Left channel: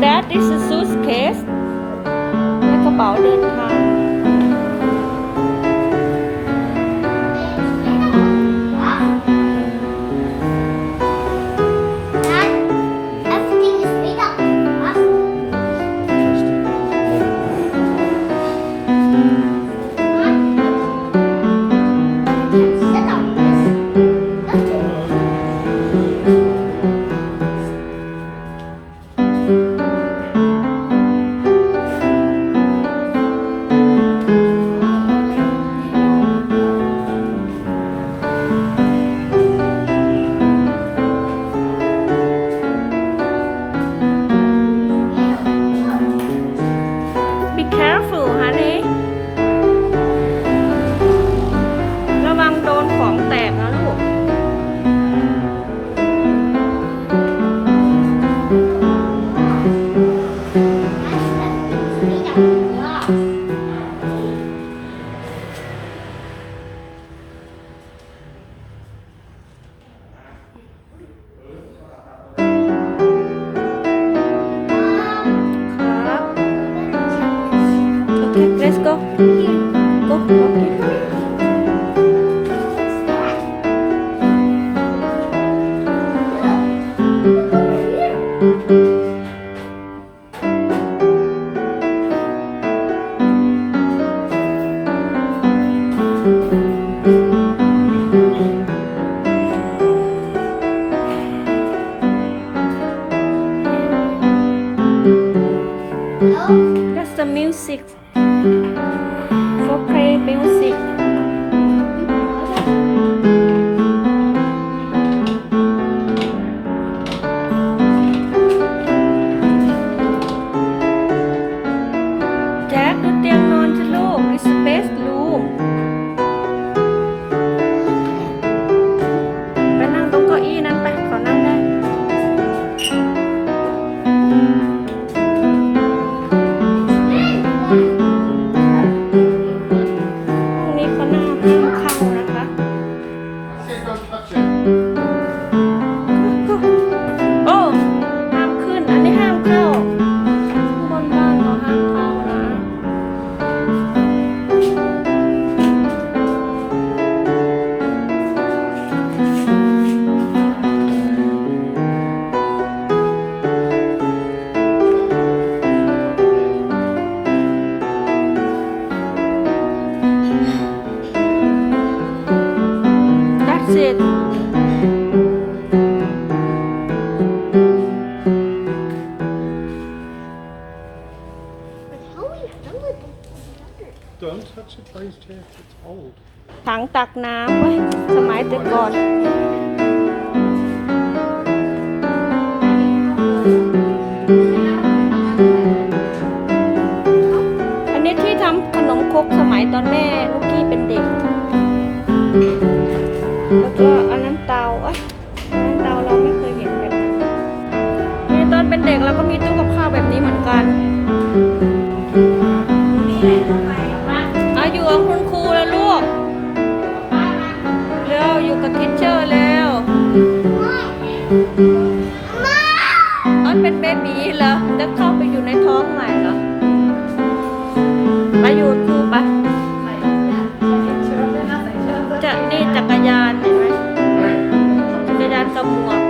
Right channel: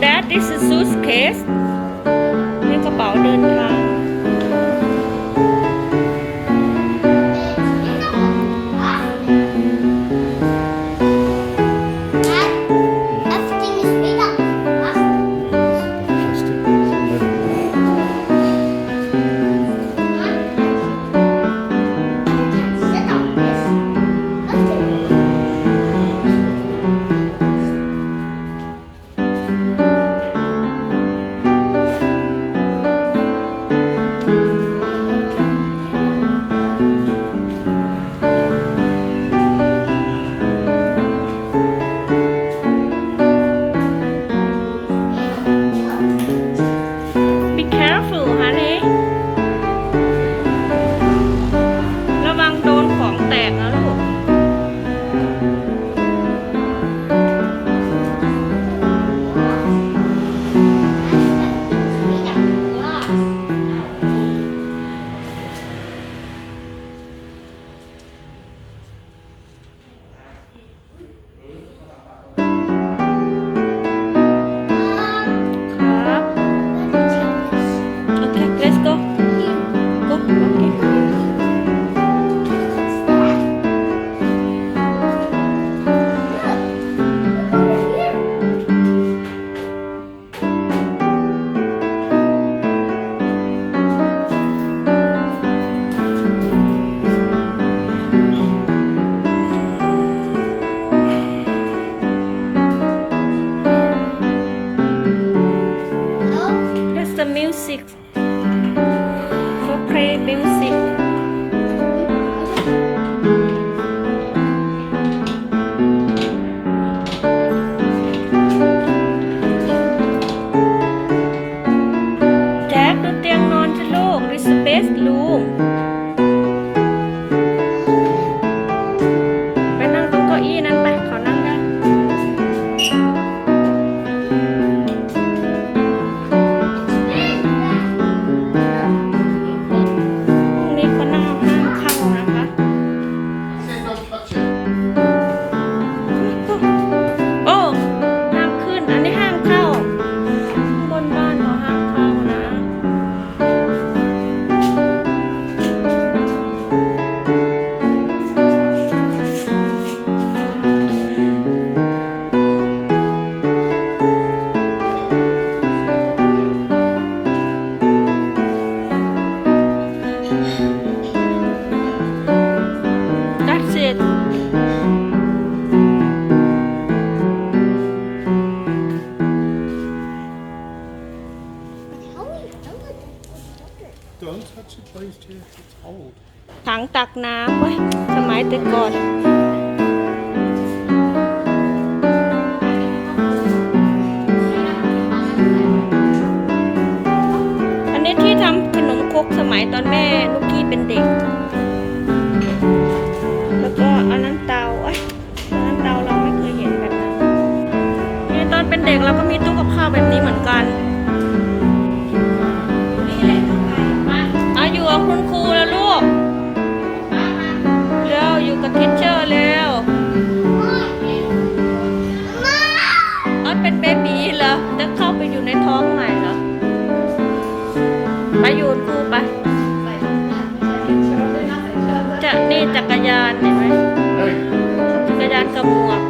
That is a suitcase นี่กระเป๋าเดินทาง ของแตกนะลูก the music for play music แจ็คดูเตียงนอนสิลูก this space room ไปนั่งตรงเก้าอี้นั้นไปขานั่งได้ Jeff. It's old. ถังตักน้ำเว้ยสมัยแต่ก่อนอันนี้ที่ทำขนมครกสมัยตอนแม่นุกกี้เป็นเด็ก แล้วก็อันนั้นเตาเอ้ยอันนั้นเตาเราไม่เคยเห็นแบบนั้นนี่ตอนเป็นเด็กเราก็มีตู้กับข้าวแบบนี้เหมือนกันอาอยู่กับคุณครูแล้วลูกเร็วอยู่กับทิชเชอร์เร็วออนเป็นเบบีเหรอจะเข้าไปอยู่ในท้องใหม่เหรอไปอยู่กับครูไป จะนี่จักรยานเห็นไหม Hey. จักรยานกับหมวก